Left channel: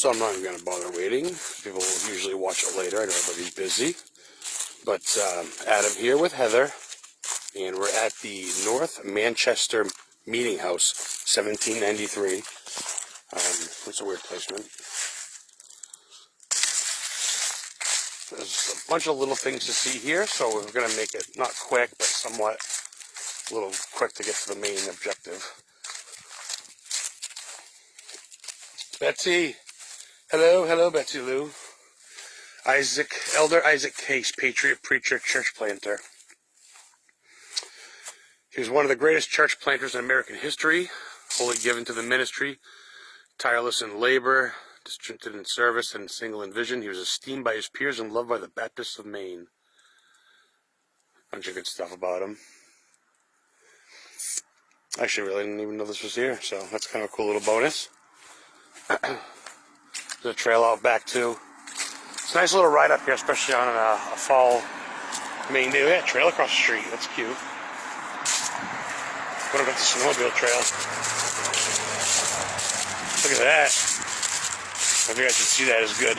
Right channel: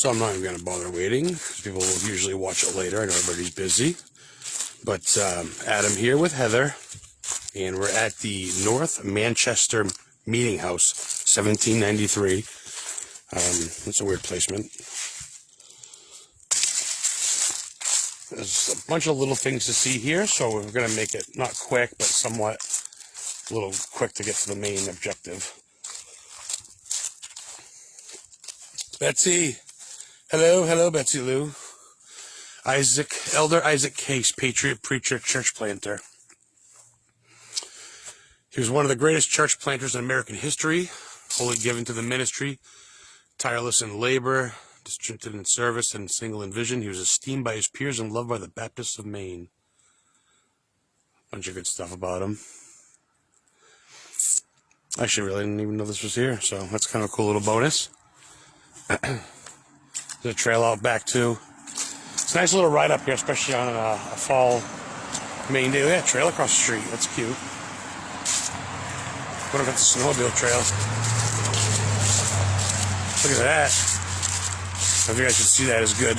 So I'm not even going to bother waiting. People will usually watch it later and everybody's busy. But Adam here with Heather, and we're at the North Manchester Meeting House, 1793. That's a weird placement. There's a bunch of little things to see here, so we're going to make it not quick, but somewhat a little quick to get to the main objective. Betsy. Hello, Betsy Lou. Elder Isaac Case, patriot, preacher, church planter. He was one of the greatest church planters in American history, fully given to the ministry, tireless in labor, distributed in service, and single in vision. He was esteemed by his peers and loved by the Baptists of Maine. Bunch of good stuff about him. I actually really didn't even know this was here, so that's kind of a cool little bonus. There's a trail out back too. It's a nice little ride up here, especially on a fall Maine day. There's a trail across the street. It's cute. Gonna go to the snowmobile trail. Look at that. I think I should see that as good.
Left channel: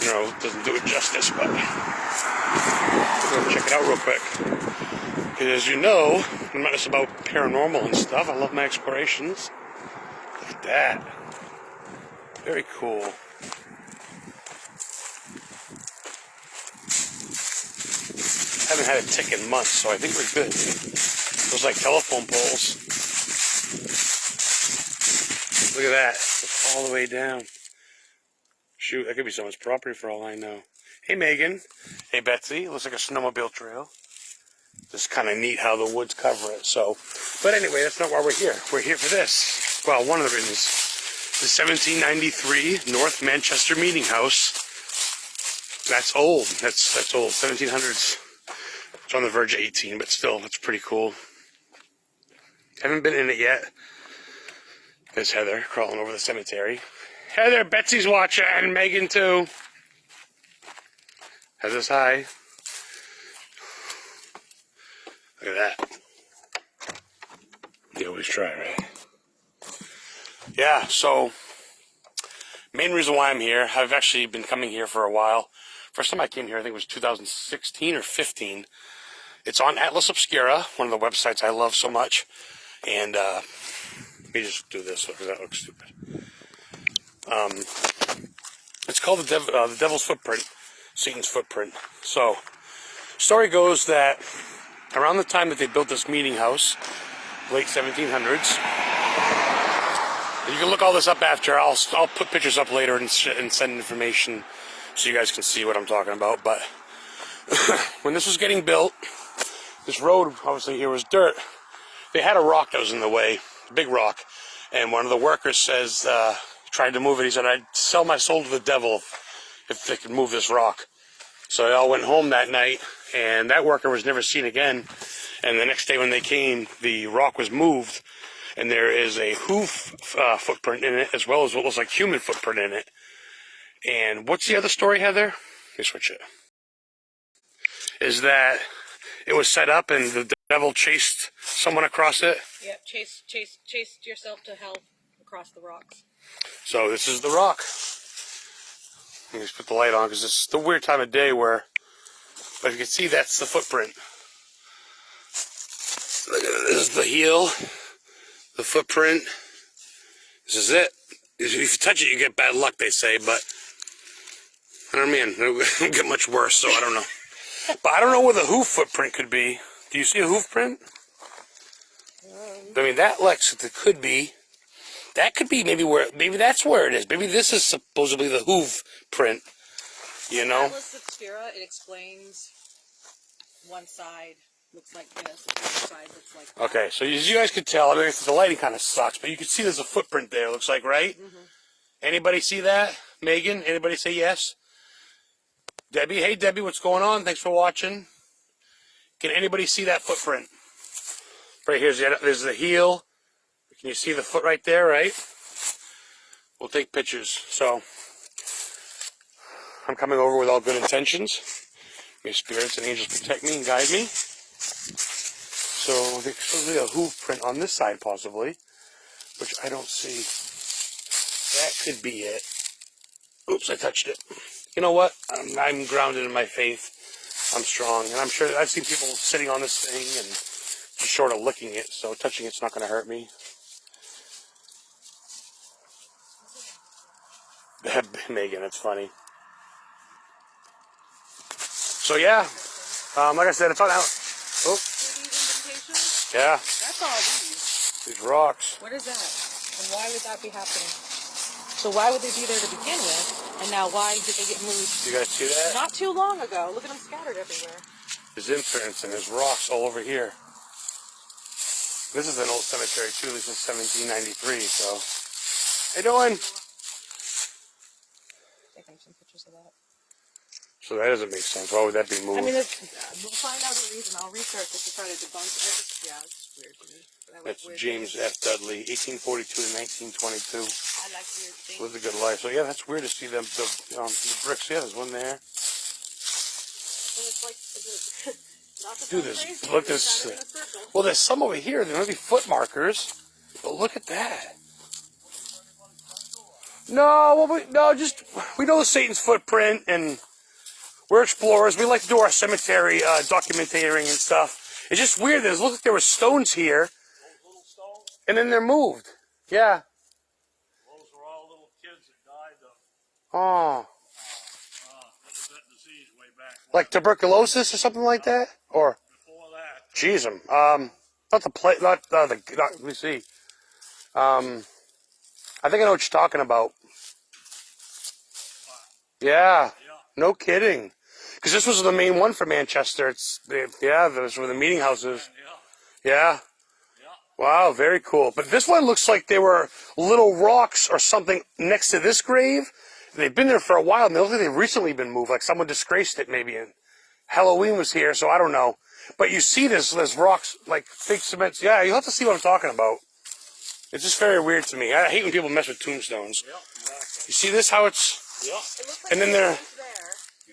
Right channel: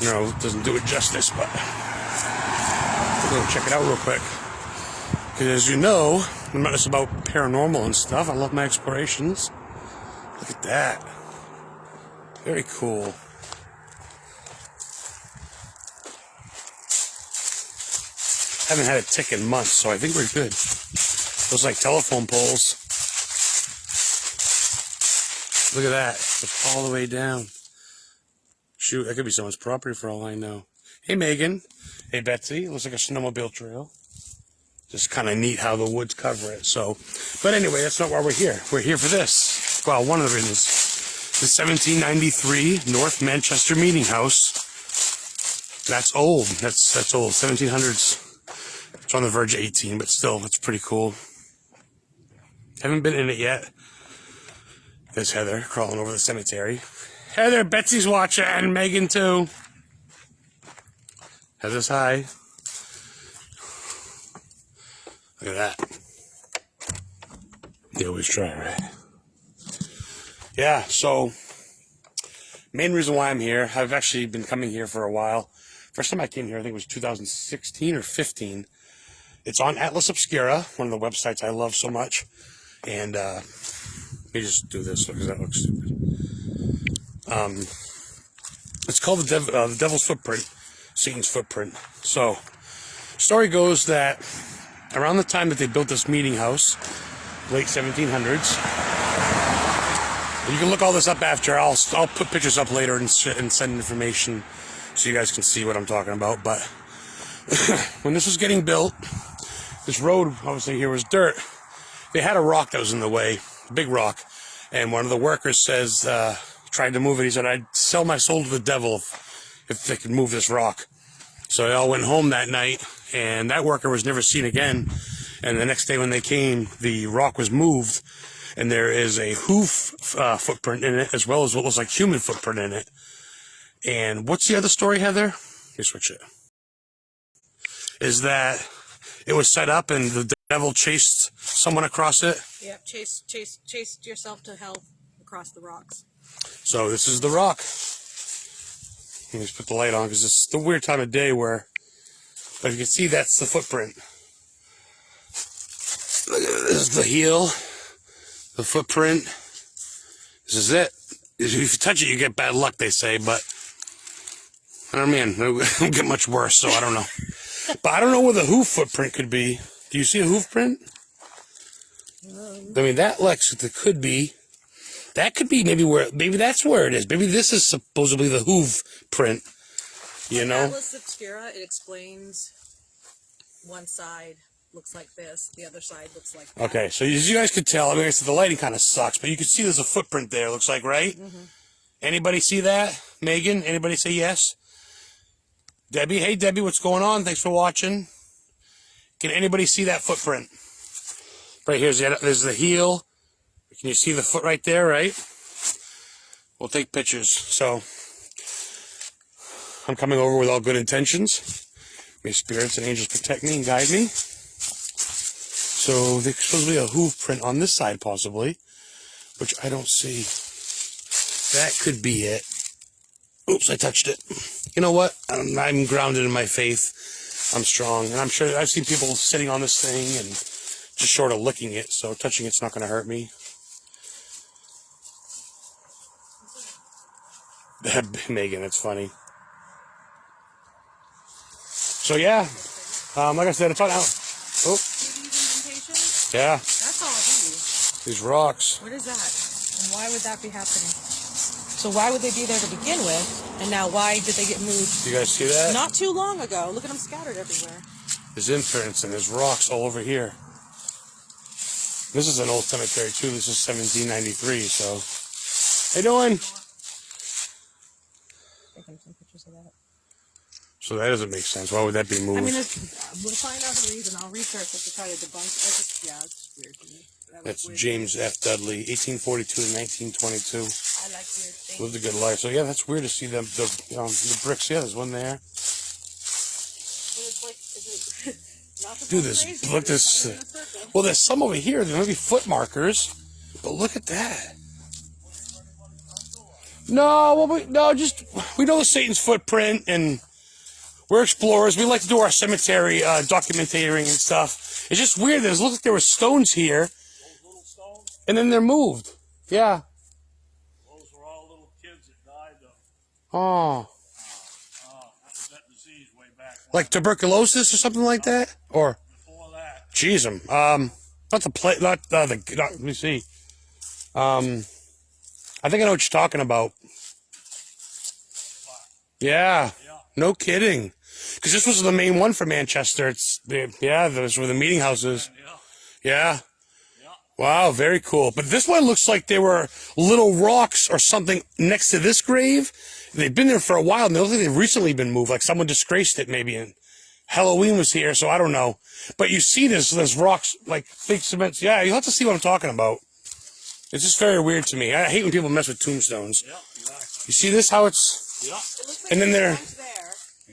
You know, it doesn't do it justice, but we'll check it out real quick. Because as you know, I'm not just about paranormal and stuff. I love my explorations. Look at that. Very cool. I haven't had a tick in months, so I think we're good. Those like telephone poles. Look at that. It's all the way down. Shoot, that could be someone's property for all I know. Hey, Megan. Hey, Betsy. It looks like a snowmobile trail. Just kind of neat how the woods cover it. So, but anyway, that's not why we're here. We're here for this. Well, one of the reasons. The 1793 North Manchester Meeting House. That's old. That's old. 1700s. It's on the verge of 18, but still, that's pretty cool. Haven't been in it yet. There's Heather crawling over the cemetery. Hey there, Betsy's watching, and Megan too. Heather's hi. Look at that. You always try, right? Yeah, so main reason why I'm here, I've actually been coming here for a while. First time I came here, I think it was 2016 or 15. It's on Atlas Obscura, one of the websites I love so much. And let me just do this because that looks stupid. It's called the Devil's Footprint, Satan's Footprint. So, story goes that around the time that they built this meeting house, late 1700s. You can look all this up after. I'll put pictures up later and send information so you guys can see what I'm talking about. But when this was getting built, this road obviously here was dirt. They had a rock that was in the way, a big rock, and one of the workers says, tried to move it. He said, "I'd sell my soul to the devil if they could move this rock." So they all went home that night, and that worker was never seen again. And the next day when they came, the rock was moved, and there is a hoof footprint in it, as well as what looks like human footprint in it. And what's the other story, Heather? Let me switch it. Is that it was set up and the devil chased someone across it? Yep, chased yourself to hell across the rocks. So this is the rock. Let me just put the light on because it's the weird time of day where, but you can see that's the footprint. Look at it. This is the heel, the footprint. This is it. If you touch it, you get bad luck, they say, but I don't mean, it won't get much worse, so I don't know. But I don't know where the hoof footprint could be. Do you see a hoof print? I mean, that Lexington could be. That could be maybe that's where it is. Maybe this is supposedly the hoof print. You know? Atlas Obscura, it explains one side looks like this, the other side looks like that. Okay, so as you guys can tell, I mean, the lighting kind of sucks, but you can see there's a footprint there, looks like, right? Mm-hmm. Anybody see that? Megan, anybody say yes? Debbie, hey Debbie, what's going on? Thanks for watching. Can anybody see that footprint? Right here's there's the heel. Can you see the foot right there, right? We'll take pictures. So, I'm coming over with all good intentions. May spirits and angels protect me and guide me. So, there's supposed to be a hoof print on this side, possibly, which I don't see. That could be it. Oops, I touched it. You know what? I'm grounded in my faith. I'm strong, and I'm sure I've seen people sitting on this thing and just sort of licking it, so touching it's not going to hurt me. Megan, it's funny. So yeah, like I said, it's on out. See these indentations? Yeah, That's all these. these rocks. What is that? And why would that be happening? So why would they be there to begin with? And now why did they get moved? You guys see that? Not too long ago. Look at them scattered everywhere. There's imprints and there's rocks all over here. This is an old cemetery too. This is 1793. So, how you doing? Taking some pictures of that. So that doesn't make sense. Why would that be moved? I mean, we'll find out the reason. I'll research it to try to debunk. It's just weird to me. That's James F. Dudley, 1842 to 1922. And that's weird. Lived a good life. So yeah, that's weird to see the bricks. Yeah, there's one there. Dude, look at this. Well, there's some over here. There may be foot markers, but look at that. No, we know Satan's footprint, and we're explorers. We like to do our cemetery documenting and stuff. It's just weird that it looks like there were stones here, those little stones. And then they're moved. Yeah. Those were all little kids that died of that disease way back. Like tuberculosis or something like that, or Before that. jeez, not the plate, not let me see. I think I know what you're talking about. Yeah, no kidding. Because this was the main one for Manchester. Those were the meeting houses. Yeah. Wow, very cool. But this one looks like they were little rocks or something next to this grave. They've been there for a while. And they look like they've recently been moved. Like someone disgraced it maybe. And Halloween was here, so I don't know. But you see there's rocks, like big cement. Yeah, you'll have to see what I'm talking about. It's just very weird to me. I hate when people mess with tombstones. Yep, exactly. You see this, how it's... Yep. It looks like And then they're...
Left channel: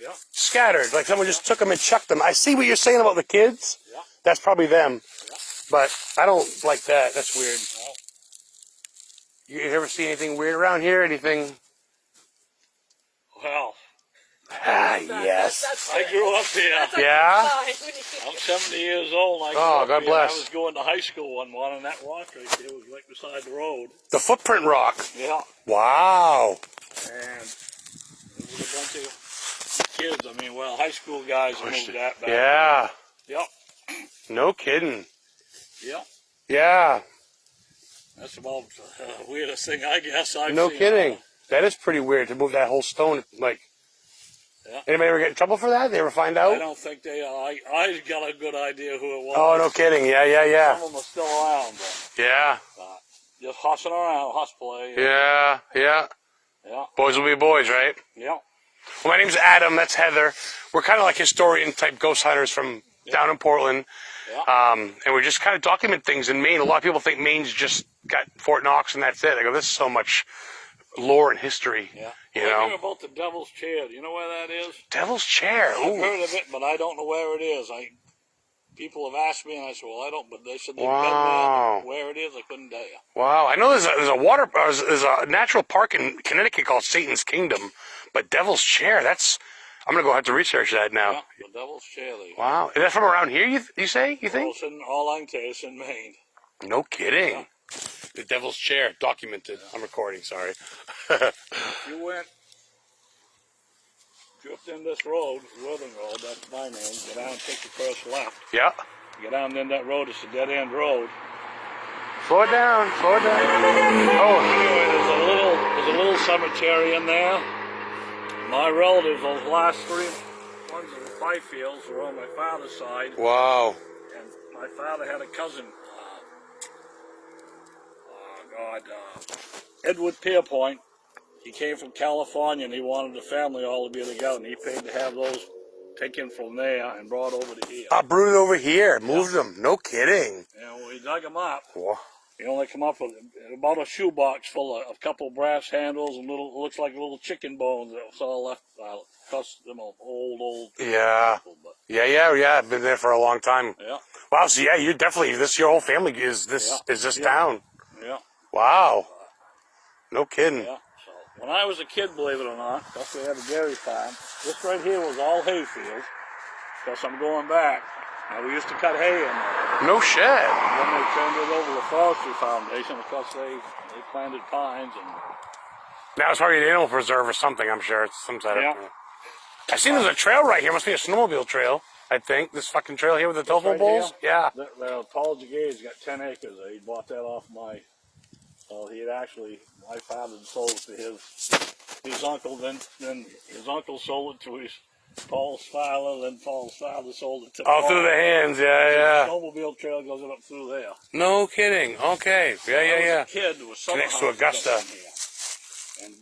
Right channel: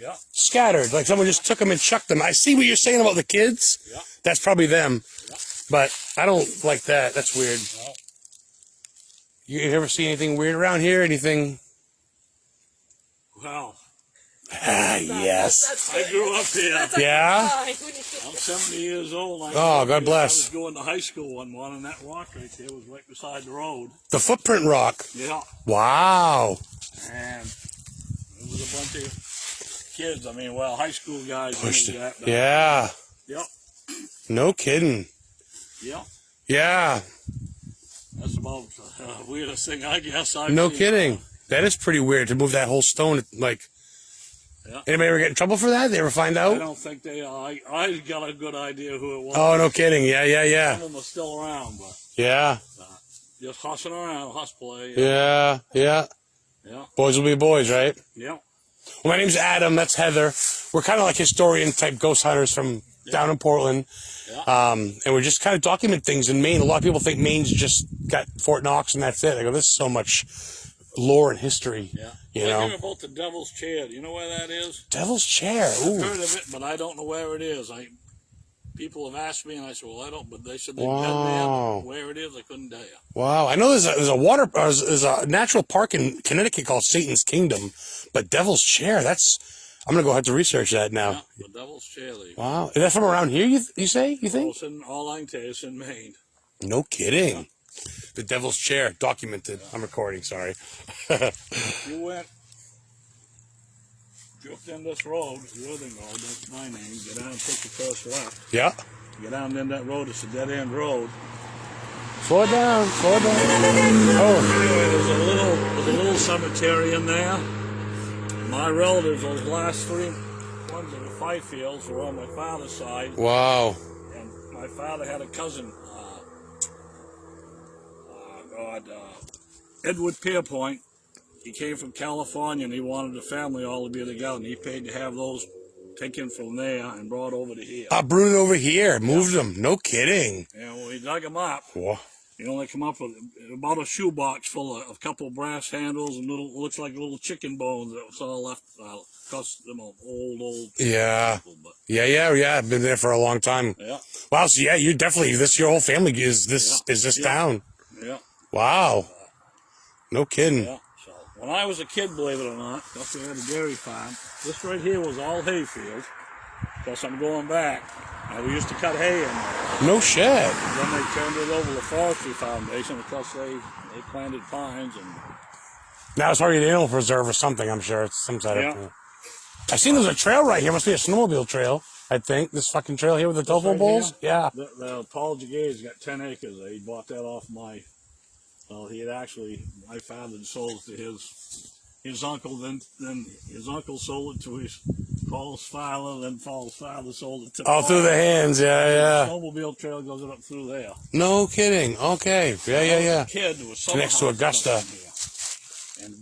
Yep. scattered, like someone just took them and chucked them. I see what you're saying about the kids. Yep. That's probably them. Yep. But I don't like that. That's weird. Yep. You ever see anything weird around here? Anything? Well, Yes. I grew up here. Yeah? I'm 70 years old. I grew Oh, up God here. bless. I was going to high school one morning, and that rock right there was right beside the road. The footprint rock. Yeah. Wow. And it was a bunch of kids. I mean, well, high school guys moved that back. Yeah. Yep. No kidding. Yep. Yeah. That's about the weirdest thing I guess I've No seen. kidding. That is pretty weird to move that whole stone. Like, Yeah. anybody ever get in trouble for that? They ever find I out? don't think they are. I got a good idea who it was. Oh, no kidding. Yeah. Some of them are still around, but Yeah. just hossing around, horseplay. Yeah. Yeah. Boys will be boys, right? Yeah. Well, my name's Adam. That's Heather. We're kind of like historian type ghost hunters from down in Portland. Yeah. And we just kind of document things in Maine. A lot of people think Maine's just got Fort Knox and that's it. I go, there's so much lore and history. Yeah. You I know? hear about the Devil's Chair. Do you know where that is? Devil's Chair. I've Ooh. heard of it, but I don't know where it is. People have asked me, and I said, well, I don't, but they said they've Wow. been there. Where it is, I couldn't tell you. Wow. I know there's a natural park in Connecticut called Satan's Kingdom, but Devil's Chair, I'm going to go have to research that now. Yeah, the Devil's Chair. Wow. Is that from around here, you think? All I can tell you is in Maine. No kidding. The Devil's Chair, documented. I'm recording, sorry. You went just in this road, Northern Road, that's my name. Get down, take the first left. Yeah. Get down in that road, it's a dead-end road. Slow it down. Oh. Anyway, there's a little cemetery in there. My relatives, those last three ones in the Fifields were on my father's side. Wow. And my father had a cousin, Edward Pierpoint. He came from California and he wanted the family all to be together, and he paid to have those taken from there and brought over to here. Brought it over here. Moved them. No kidding. And when we dug them up, Whoa. he only come up with about a shoebox full of a couple brass handles and looks like little chicken bones that was all left. Cause them old Yeah. people, but Yeah. I've been there for a long time. yeah, Wow. So yeah, you definitely, your whole family is this Yeah. town. yeah. Wow. No kidding. Yeah. when I was a kid, believe it or not, because we had a dairy farm, this right here was all hayfield. Because I'm going back. Now, we used to cut hay in there. No shit. And then they turned it over to the Forestry Foundation because they planted pines and. Now it's probably an animal preserve or something, I'm sure. It's some sort of thing. I seen there's a trail right here. Must be a snowmobile trail, I think. This fucking trail here with the tofu right bulls. Here? Yeah. The Paul Jagay's got 10 acres. He bought that off my. Well, he had actually, my father sold it to his uncle. Then his uncle sold it to his Paul's father. Then Paul's father sold it to. All Paul. through the hands. Yeah, yeah. The snowmobile trail goes up through there. No kidding. Okay. Yeah. Kid was summer Connects to houses Augusta. up in here. And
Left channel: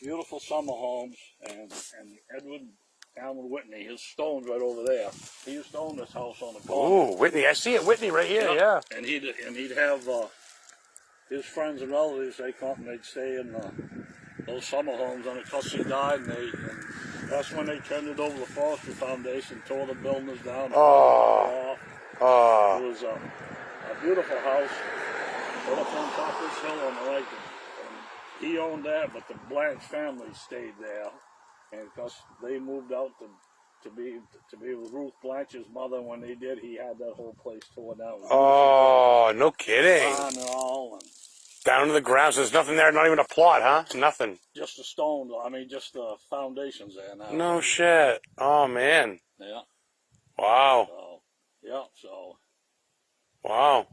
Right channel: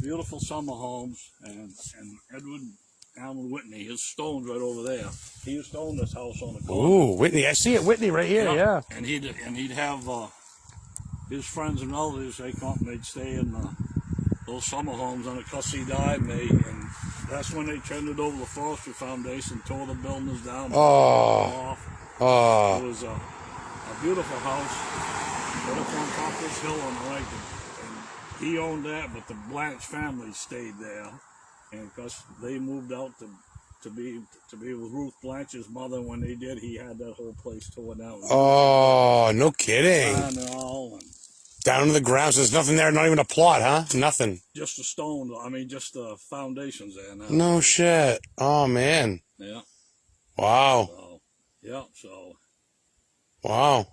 beautiful summer homes. And Edward Allen Whitney, his stone's right over there. He used to own this house on the corner. Ooh, Whitney. I see it. Whitney right here. Yeah. And he'd have his friends and relatives. They come up and they'd stay in those summer homes. And because he died, and that's when they turned it over to the Forestry Foundation, tore the buildings down. Oh. It was a beautiful house right up on top of this hill on the right. And he owned that, but the Blanche family stayed there. And because they moved out to be with Ruth Blanche's mother, when they did, he had that whole place torn down. Oh, no kidding. And all, and Down to the ground. So there's nothing there. Not even a plot, huh? Nothing. just the stone. I mean, just the foundations there now. No shit. Oh man. Yeah. Wow. So, yeah. So. Wow.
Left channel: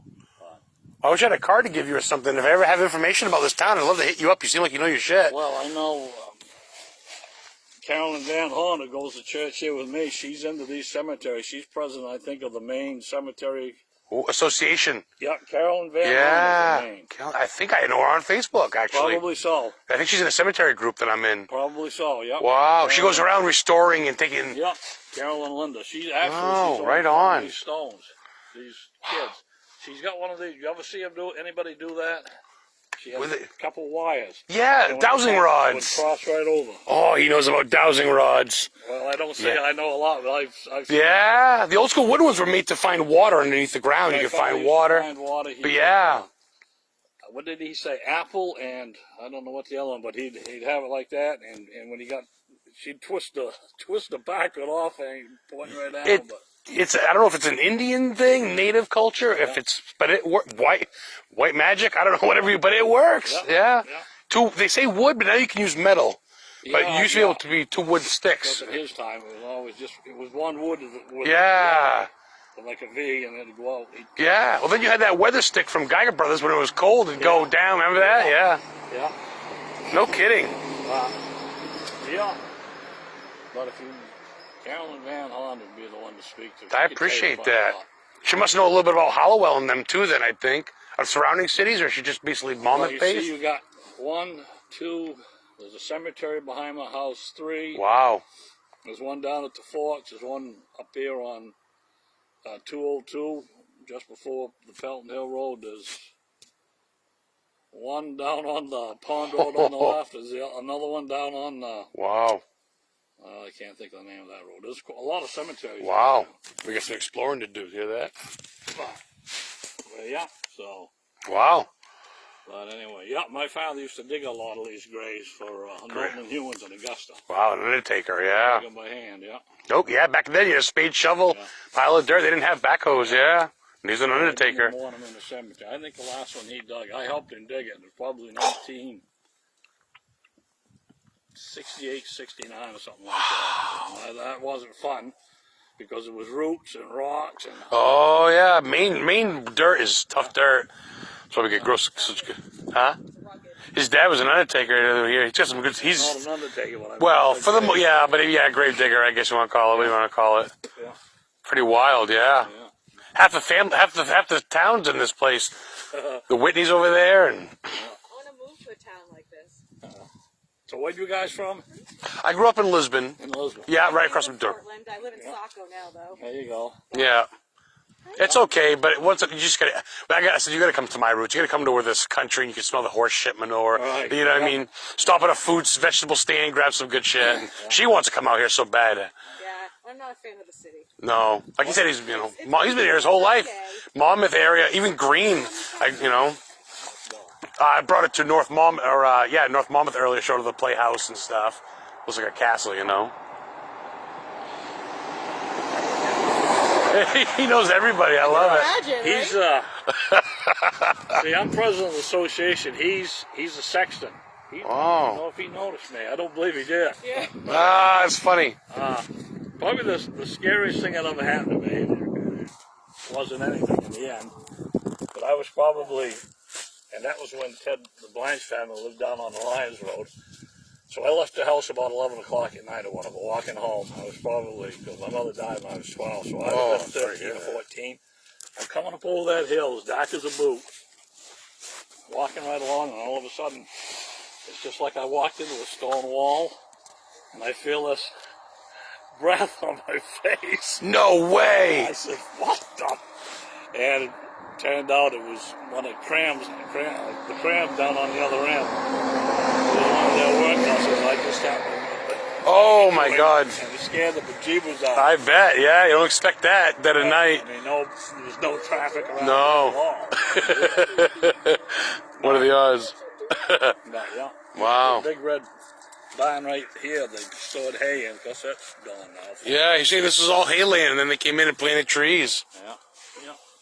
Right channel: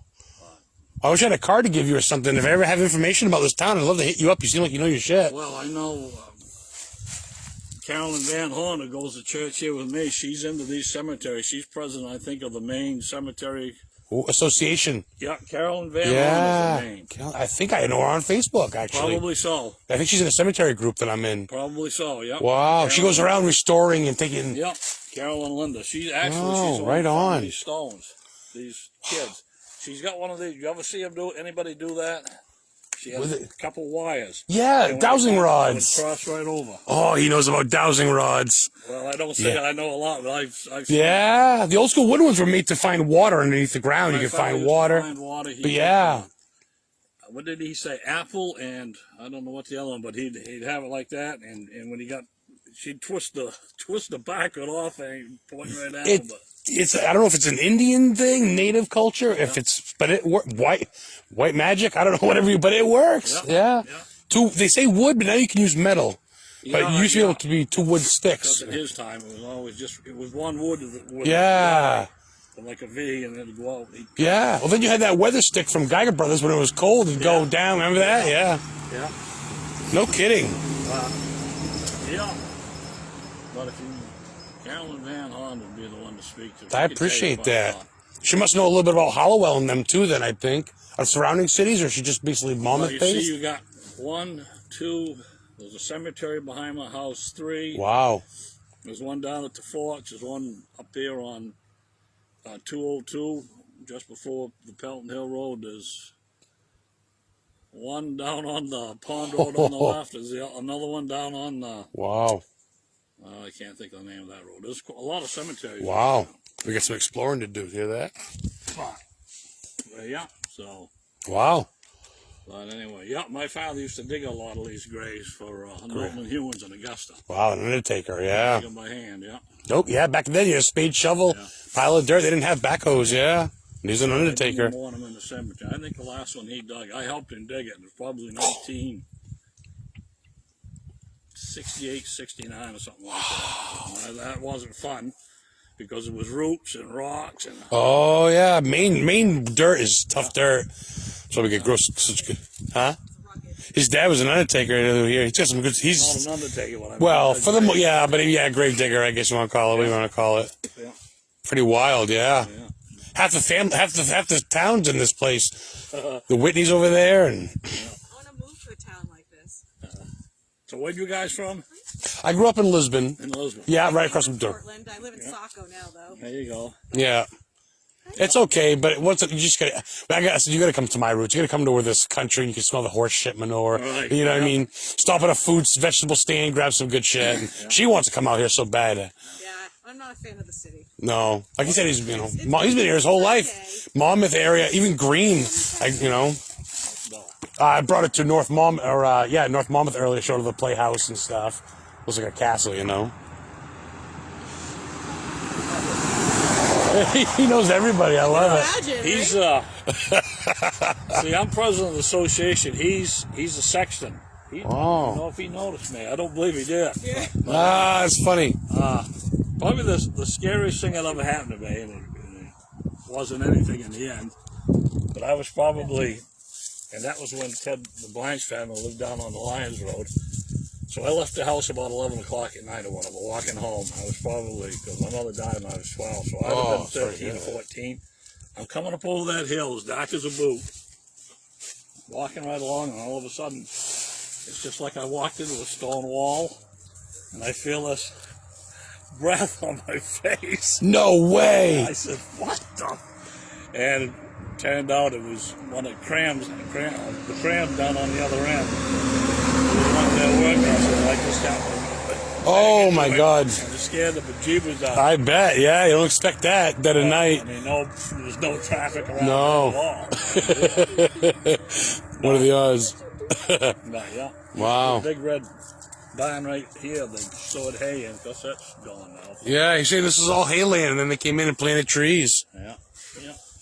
I wish I had a card to give you or something. If I ever have information about this town, I'd love to hit you up. You seem like you know your shit. Well, I know Carolyn Van Horn, who goes to church here with me. She's into these cemeteries. She's president, I think, of the Maine Cemetery Ooh, association. Yeah, Carolyn Van Horn Yeah. is in Maine. I think I know her on Facebook, actually. Probably so. I think she's in a cemetery group that I'm in. Probably so. Yep. Wow. She goes around restoring and taking. Yep. Carolyn Linda. She's actually Oh, she's right some on. of these stones. These kids. She's got one of these. You ever see him do anybody do that? She has With a it- couple wires. Yeah, And when dowsing it would rods. cross right over. Oh, he knows about dowsing rods. Well, I don't say Yeah. I know a lot, but I've seen Yeah, the old school wood ones were made to find water underneath the ground. My You could father find used to water. find water. He But would, yeah. what did he say? Apple and I don't know what the other one, but he'd have it like that, and when he got, she'd twist the back of it off and point right at him. But It's I don't know if it's an Indian thing, native culture. If it's but it white magic. I don't know whatever. But it works. Yeah. They say wood, but now you can use metal. But you used to be able to be two wood sticks. at his time, it was always one wood. Yeah. Like a V, and it'd go out. Yeah. Well, then you had that weather stick from Geiger Brothers when it was cold and go down. Remember that? Yeah. Yeah. No kidding. Yeah. But if you, Carolyn Van Horn would be the one to speak to. I appreciate that. She must know a little bit about Hollowell and them too. Then I think of surrounding cities, or she just basically Well, Monmouth you based. see, you got 1, 2. There's a cemetery behind my house. 3. Wow. There's one down at the Forks. There's one up here on 202, just before the Pelton Hill Road. There's one down on the Pond Road on the left. There's another one down on Wow. I can't think of the name of that road. There's a lot of cemeteries. Wow. We got some exploring to do. Hear that? Well, yeah. So, Wow. but anyway, yeah. My father used to dig a lot of these graves for Norton and Hewins in Augusta. Wow, an undertaker, yeah. Dig them by hand, yeah. Nope, yeah, back then you had a spade, shovel, pile of dirt. They didn't have backhoes, yeah. And he's an I undertaker. didn't want him in the cemetery. I think the last one he dug, I helped him dig it. It was probably 1968, 69 or something like that. And that wasn't fun because it was roots and rocks and. Oh, yeah, Maine dirt is tough dirt. That's why we get gross. Huh? His dad was an undertaker here. He's got some good. He's An undertaker, well for the grave digger. I guess you want to call it. What do you want to call it? Yeah. Pretty wild, yeah. Half the towns in this place. The Whitneys over there, and I want to move to a town like this. So where you guys from? I grew up in Lisbon. In Lisbon. Yeah, right across I from live in Durham. Portland. I live in Saco now, though. There you go. Yeah. It's okay, but once you just gotta. I said you gotta come to my roots. You gotta come to where this country and you can smell the horse shit manure. Right. You know what I mean? Stop at a vegetable stand, grab some good shit. And she wants to come out here so bad. Yeah, I'm not a fan of the city. No, like he said, he's he's been here his whole life. Monmouth area, even Green. I brought it to North Monmouth earlier. Showed her the playhouse and stuff. Looks like a castle, you know. He knows everybody. I love it. Imagine, He's see, I'm president of the association. He's a sexton. I don't know if he noticed me. I don't believe he did. Yeah. Ah, it's funny. Probably the scariest thing that ever happened to me. Wasn't anything in the end, but I was probably, and that was when the Blanche family lived down on the Lions Road. So I left the house about 11 o'clock at night, and when I'm walking home, I was probably, because my mother died when I was 12, so I was 13 or 14. I'm coming up over that hill, as dark as a boot, walking right along, and all of a sudden, it's just like I walked into a stone wall, and I feel this breath on my face. No way. I said, what the? And it turned out it was one of the trams down on the other end. Oh my God. And it scared the bejeebers out. I bet. Yeah, you don't expect that dead of night. There's no traffic around. No. What are the odds? No. Wow. The big red barn right here, they stored hay in, because that's gone now. Yeah, you see, this is all hay land, and then they came in and planted trees. Yeah.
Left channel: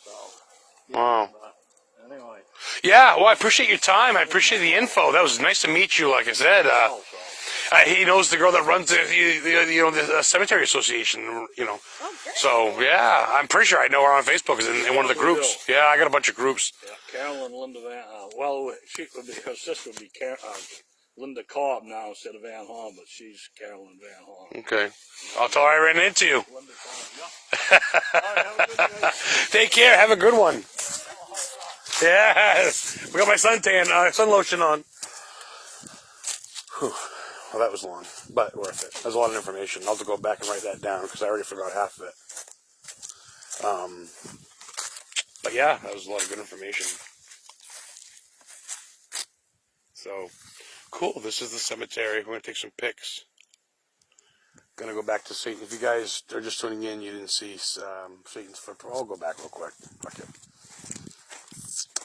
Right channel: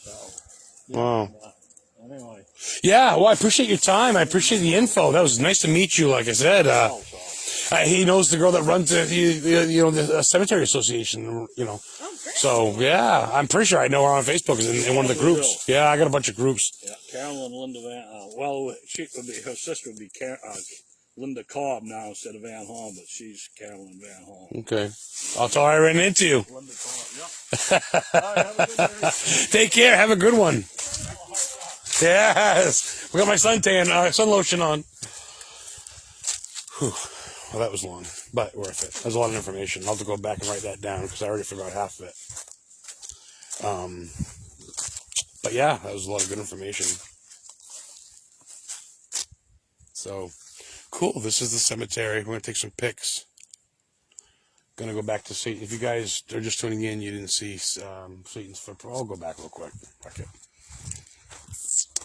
So, Wow. Anyway. Yeah, well, I appreciate your time. I appreciate the info. That was nice to meet you, like I said. He knows the girl that runs the cemetery association, you know. Okay. So, yeah, I'm pretty sure I know her on Facebook in one of the groups. Yeah, I got a bunch of groups. Yeah, Carol and Linda Van, her sister would be Linda Cobb now instead of Van Horn, but she's Carolyn Van Horn. Okay. I'll tell her I ran into you. Linda Cobb, yeah. All right, have a good day. Take care. Have a good one. Yes. We got my sun lotion on. Whew. Well, that was long, but worth it. There's a lot of information. I'll have to go back and write that down because I already forgot half of it. But yeah, that was a lot of good information. So, cool. This is the cemetery. We're going to take some pics. Going to go back to see. If you guys are just tuning in, you didn't see Satan's footprint. I'll go back real quick. Okay.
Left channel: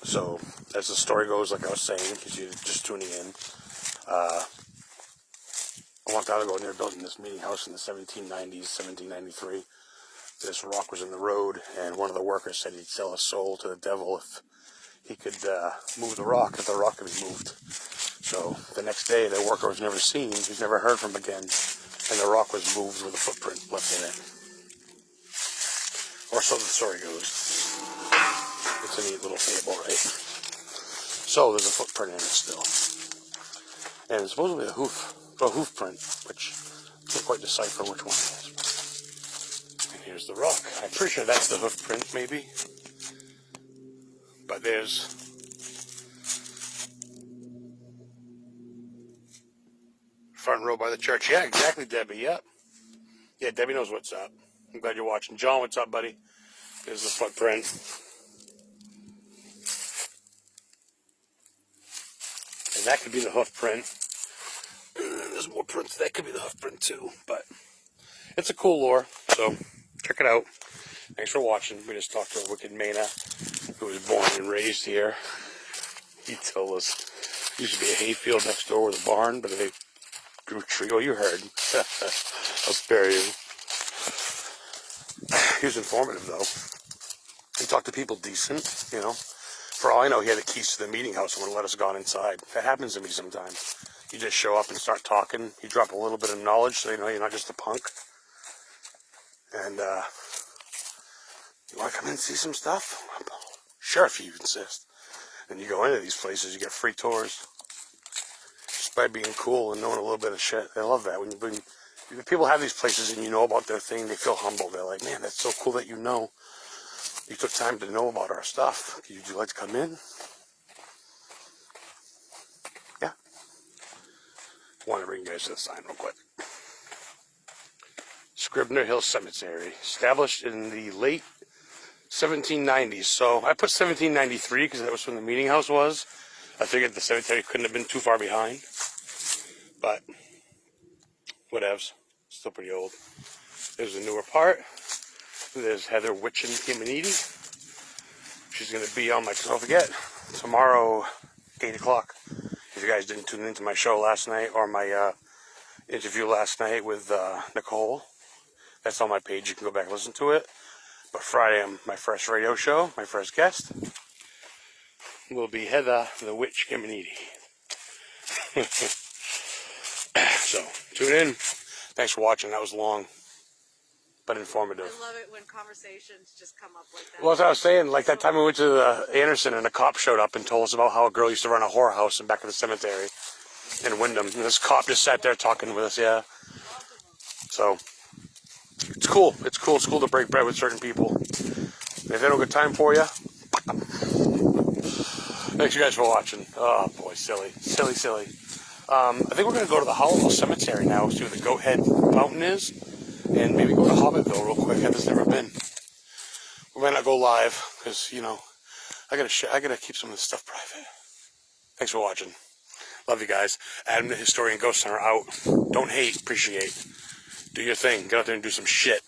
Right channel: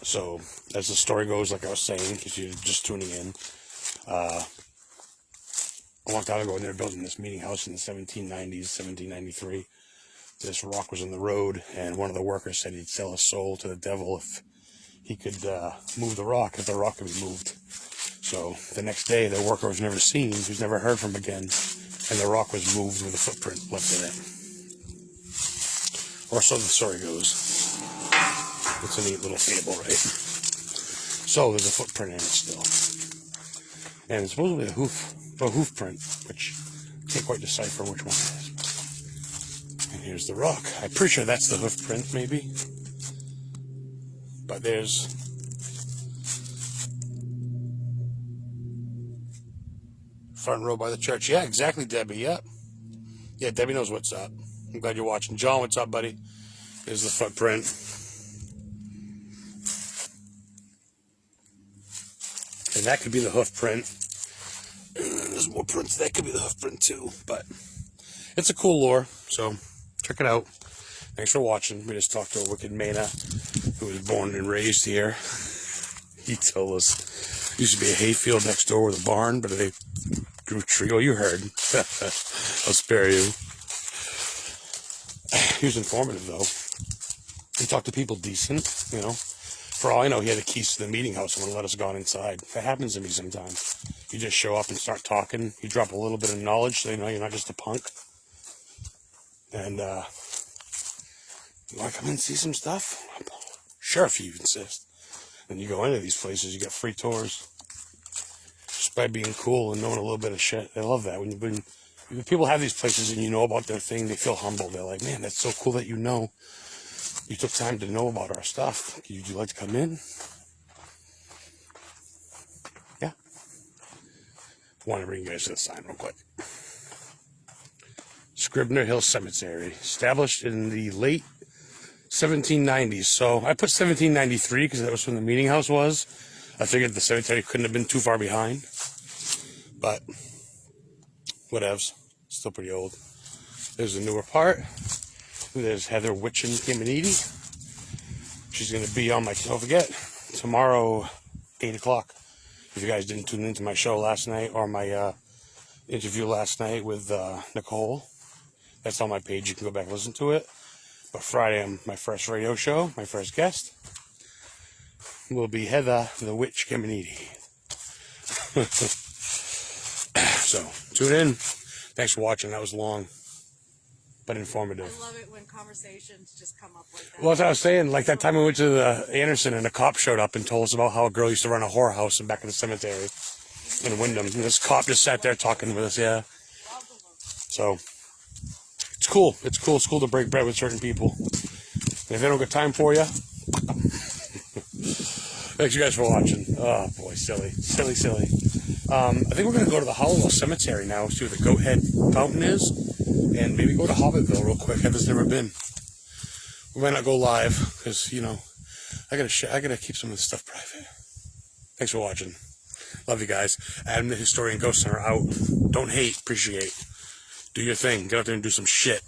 So, as the story goes, like I was saying, because you're just tuning in, a long time ago, they were building this meeting house in the 1790s, 1793. This rock was in the road, and one of the workers said he'd sell his soul to the devil if he could move the rock, if the rock could be moved. So the next day, the worker was never seen, he was never heard from again, and the rock was moved with a footprint left in it. Or so the story goes. It's a neat little fable, right? So there's a footprint in it still. And it's supposedly a hoof print, which I can't quite decipher which one it is. And here's the rock. I'm pretty sure that's the hoof print, maybe. But there's front row by the church. Yeah, exactly, Debbie. Yeah. Yeah, Debbie knows what's up. I'm glad you're watching. John, what's up, buddy? There's the footprint. And that could be the hoof print. There's more prints. That could be the hoof print too. But it's a cool lore. So check it out. Thanks for watching. We just talked to a wicked Maine who was born and raised here. He told us there used to be a hayfield next door with a barn, but they grew tree. Oh, you heard. I'll spare you. He was informative though. He talked to people decent, you know. For all I know, he had the keys to the meeting house and would have let us go inside. That happens to me sometimes. You just show up and start talking. You drop a little bit of knowledge so they know you're not just a punk. And, you want to come in and see some stuff? Sure, if you insist. Then you go into these places, you get free tours. Just by being cool and knowing a little bit of shit. I love that. When people have these places and you know about their thing, they feel humble. They're like, man, that's so cool that you know. You took time to know about our stuff. Would you like to come in? Yeah. I want to bring you guys to the sign real quick. Scribner Hill Cemetery, established in the late 1790s. So I put 1793 because that was when the meeting house was. I figured the cemetery couldn't have been too far behind. But whatevs. Still pretty old. There's a newer part. There's Heather Witchin Kiminiti. She's going to be on my, don't forget, tomorrow, 8 o'clock. If you guys didn't tune into my show last night or my interview last night with Nicole, that's on my page. You can go back and listen to it. But Friday, my first radio show, my first guest will be Heather the Witch Caminiti. So, tune in. Thanks for watching. That was long, but informative. I love it when conversations just come up like that. Well, as I was saying, like that time we went to the Anderson and a cop showed up and told us about how a girl used to run a whorehouse in back of the cemetery in Wyndham. And this cop just sat there talking with us, yeah. So, it's cool. It's cool. It's cool to break bread with certain people. And if they don't get time for you, thanks you guys for watching. Oh boy, silly. I think we're going to go to the Hollow Cemetery now, see where the Goat Head Fountain is, and maybe go to Hobbitville real quick. Heather's never been. We might not go live, because, you know, I gotta keep some of this stuff private. Thanks for watching. Love you guys. Adam the Historian Ghost Center out. Don't hate, appreciate. Do your thing. Get out there and do some shit.